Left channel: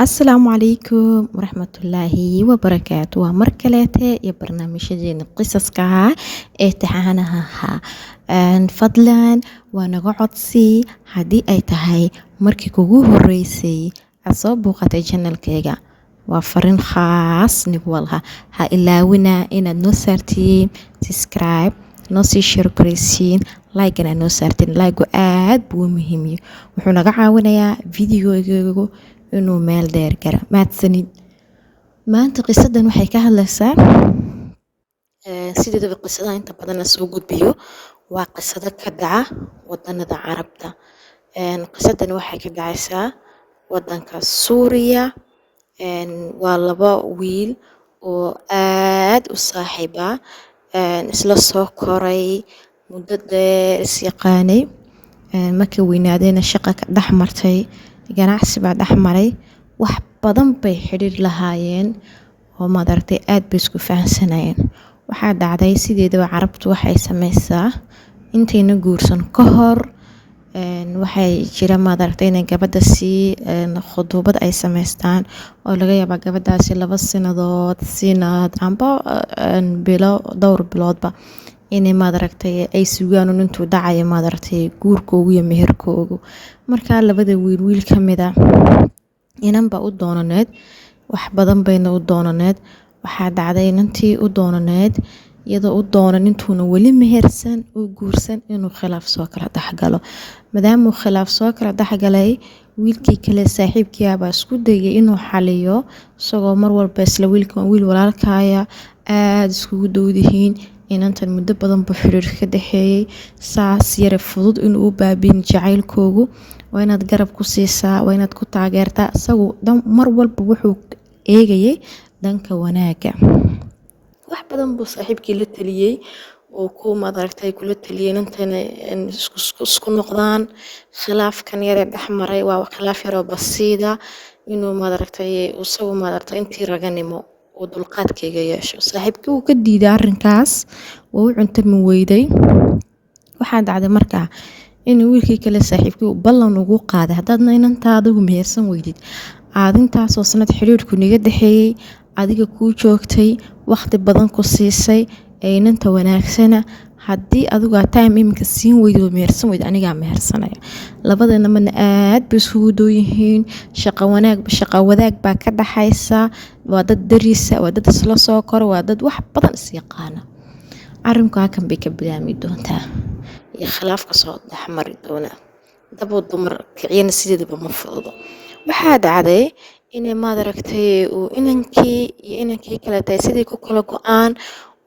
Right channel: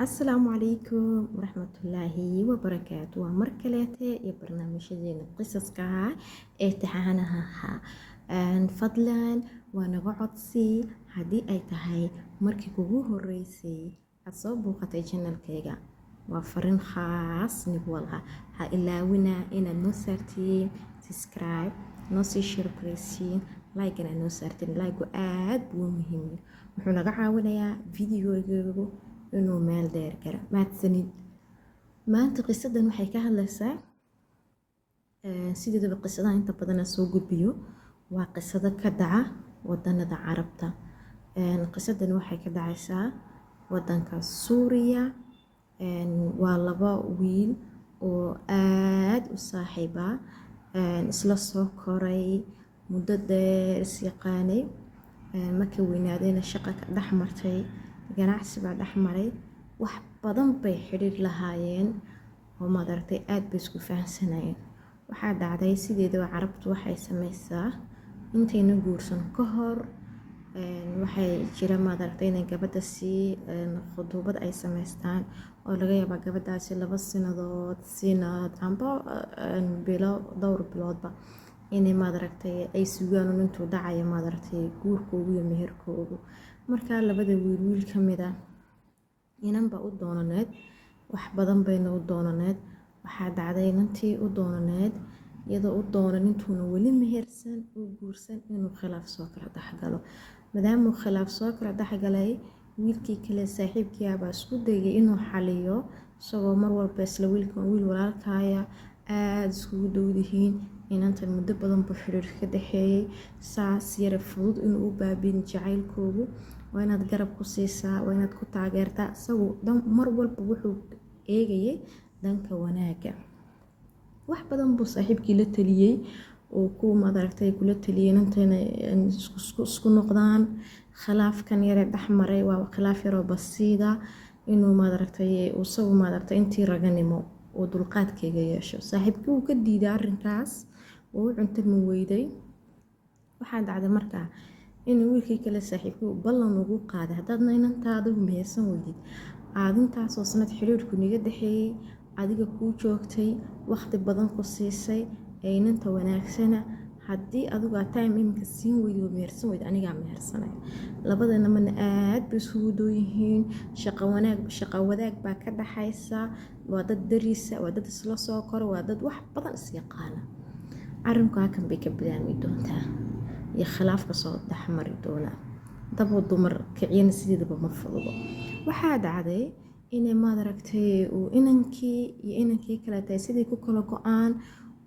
السلام عليكم ورحمة الله وبركاته ومركلته يا برنامجين قصصك تحانها فضلا ونقعد سي هدي أي تهي مركي كوجوه الرئيسي أصاب وقت جنة كيجا وفرن خاص نقولها ها إلا ونا إن نصرتي تسكرايب نصي شركريسين لايكنا نصرتين لايكو آد بو مهمي وحنا قاعدة يا فيديو inuu meel dheer gara mahadsanid maanta qisadan waxay ka hadlaysaa sideedaba qisadaha inta badan la soo gudbiyo waa qisado ka dhaca wadanada carabta qisadan waxay ka dhacaysaa wadanka Suuriya waa laba wiil oo aad u saaxiiba isla soo koray muddo dheer is yaqaanay markay weynaadeen shaqo ka dhex martay ganacsi baa dhex maray wax badan bay xiriir lahaayeen oo madartay aad bay isku fahansanayeen waxaa dhacday sideedaba carabtu waxay sameysaa intayna guursan ka hor waxay jira madartay inay gabadha si khudubad ay sameystaan oo laga yaabaa gabadhaasi 2 sanadood sinad amba bilo dhowr biloodba inay madartay ay sugaan intuu dhacayo madartay guurkoogu iyo meherkoogu marka labada wiil kamida inanba u doonaneed wax badan bayna u doonaneed waxaa dhacday inantii u doonaneed iyadoo u doonan intuuna weli mehersan u guursan inuu khilaaf soo kala dhaxgalo maadaama uu khilaaf soo kala dhaxgalay wiilkii kale saaxiibkii baa isku dayay inuu xaliyo isagoo mar walba isla wiil walaalkaaya aad iskugu dowdihiin inantan muddo badan buu xiriir ka dhaxeeyay saas yare fudud inuu u baabiin jacaylkoogu waa inaad garab ku siisaa waa inaad ku taageertaa isagu mar walba wuxuu eegayay dhanka wanaaga wax badan buu saaxiibkii la taliyay oo ku madartay kula taliyay intana isku noqdaan khilaafkan yare dhaxmaray waa khilaaf yar oo basiida inuu madartay isagu madartay intii raganimo oo dulqaadkayga yeesho saaxiibkii uu ka diiday arrinkaas oo u cuntami weyday waxaa dhacday markaa inuu wiilkii kale saaxiibkii uu ballan ugu qaaday haddaadna inantaa adigu mehersan weydid aad intaasoo sanad xiriirku niga dhaxeeyay adiga kuu joogtay waqti badan ku siisay ee inanta wanaagsana haddii adigu time iminka siin weydo mehersan weyd anigaa mehersanaya labadana mana aad bay isugu dhow yihiin shaqo wadaag baa ka dhaxaysa waa dad dariisa waa dad isla soo koro waa dad wax badan is yaqaana arrinku halkan bay ka bilaami doontaa iyo khilaafka soo dhaxmari doona dabo dumar kiciyana sideedaba ma fududo waxaa dhacday inay madaragtay uu inankii kale tahay sidii ku kala go-aan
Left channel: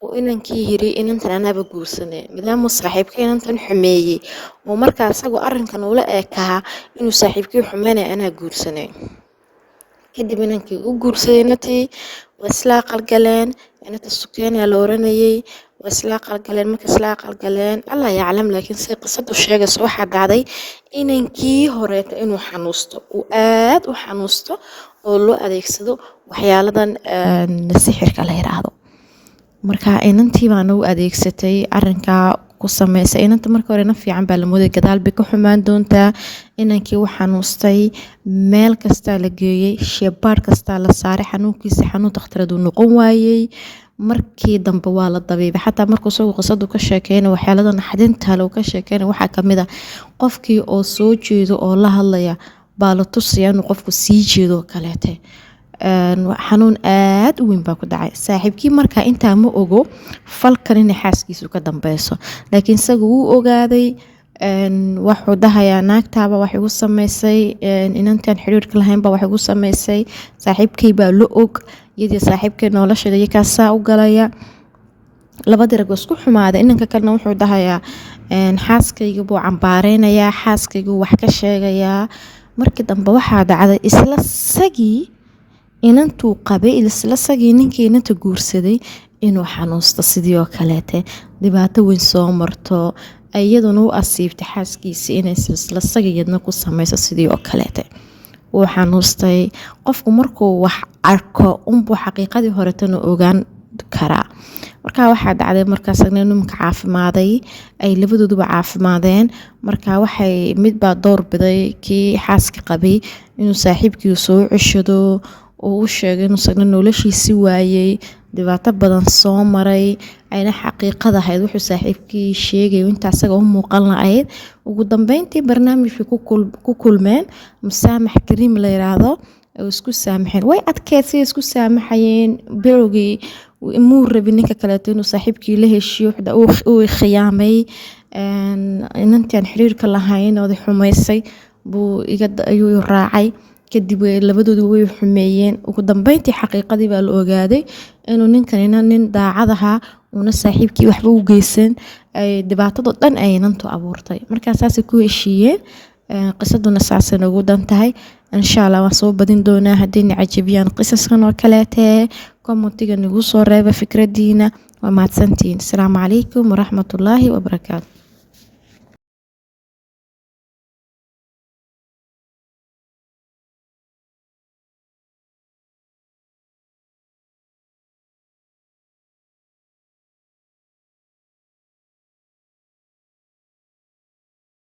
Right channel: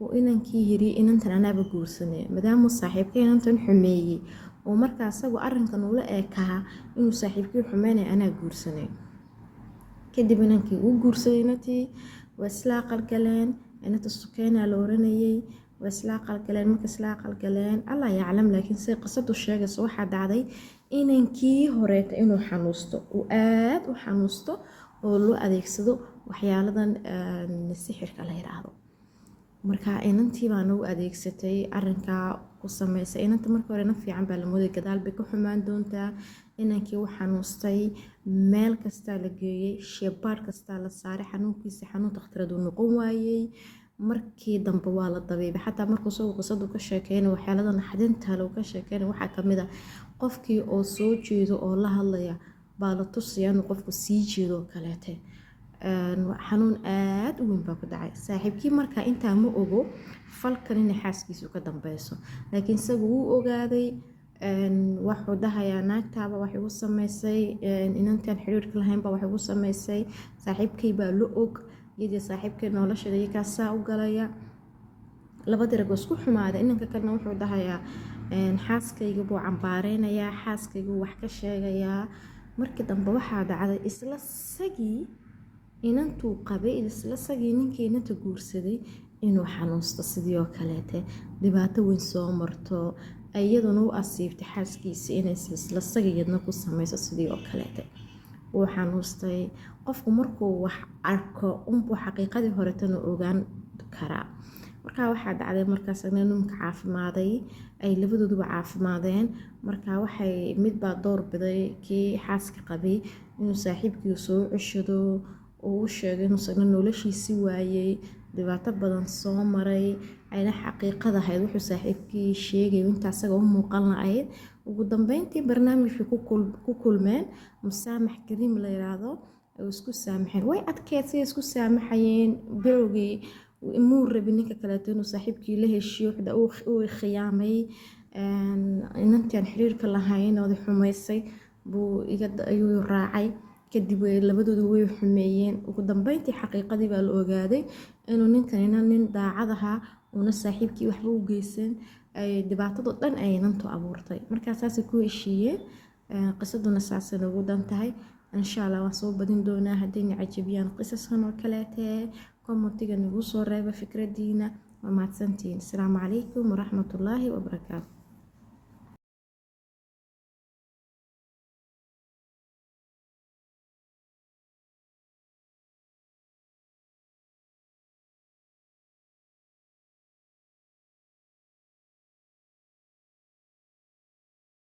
oo inankii yiri inantan anaaba guursanay maadaama saaxiibkii inantan xumeeyey oo markaa isagoo arrinkan ula eekaa inuu saaxiibkii xumeynay anaa guursanay kadib inankii uu guursaday inantii waa isla qalgaleen inanta sukeena la oranayay waa isla qalgaleen marka isla qalgaleen Allah yaclam laakiin si qisadu sheegayso waxaa dhacday inankii horeeta inuu xanuusto uu aad u xanuusto oo loo adeegsado waxyaaladan sixirka la yiraahdo marka inantii baan u adeegsatay arrinka ku sameysay inanta markii hore fiican baa la mooday gadaal bay ka xumaan doontaa inankii uu xanuustay meel kasta la geeyay sheebaar kasta la saaray xanuunkiisa xanuun dhakhtaradu noqon waayay markii dambe waa la dabiibay xataa markuu soo qisadu ka sheekeynay waxyaaladan naxdinta loo ka sheekeynay waxaa kamid ah qofkii oo soo jeedo oo la hadlaya baa la tusayaa inuu qofku sii jeedo kaleete xanuun aad u weyn baa ku dhacay saaxiibkii markaa intaa ma ogo falkan inay xaaskiisu ka dambeyso laakiin isaga wuu ogaaday wuxuu dhahayaa naagtaaba wax igu sameysay inantaan xiriirka lahaynba wax igu sameysay saaxiibkay baa la og iyadii saaxiibkay nolosheeda iyo kaasaa u galaya labadii rag isku xumaaday inanka kalena wuxuu dhahayaa xaaskayga buu cambaareynaya xaaskaygu wax ka sheegayaa markii dambe waxaa dhacday isla sagii inantuu qabay isla sagii ninkii inanta guursaday inuu xanuusto sidii oo kaleete dhibaato weyn soo marto iyaduna u asiibtay xaaskiisa inay isla sagiyadna ku sameyso sidii oo kaleete uu xanuustay qofku markuu wax arko unbuu xaqiiqadii horetana ogaan karaa markaa waxaa dhacday markaas ninka caafimaaday ay labadooduba caafimaadeen markaa waxay mid baa door biday kii xaaska qabay inuu saaxiibkii soo ceshado oo u sheegay inuu sagna noloshiisi waayay dhibaato badan soo maray ayna xaqiiqada ahayd wuxuu saaxiibkii sheegay inta asaga u muuqan lahayd ugu dambeyntii barnaamijkii ku kulmeen musaamax kariim la yiraahdo oo isku saamaxeen way adkeysay isku saamaxayeen bilowgii muu rabin ninka kaleeto inuu saaxiibkii la heshiyo uu khiyaamay inantaan xiriirka lahayn oo xumaysay buu ayuu raacay kadib labadoodu way xumeeyeen ugu dambeyntii xaqiiqadii baa la ogaaday inuu ninkanina nin daacad ahaa una saaxiibkii waxba u geysan ay dhibaatado dhan ay inantu abuurtay markaa saasay ku heshiiyeen qisaduna saasay ugu dan tahay insha allah waan soo badin doonaa haddii cajabiyaan qisaskan oo kaleetee commentiga nagu soo reeba fikradiina waa mahadsantihiin asalaamu calaykum waraxmatullaahi wabarakaatu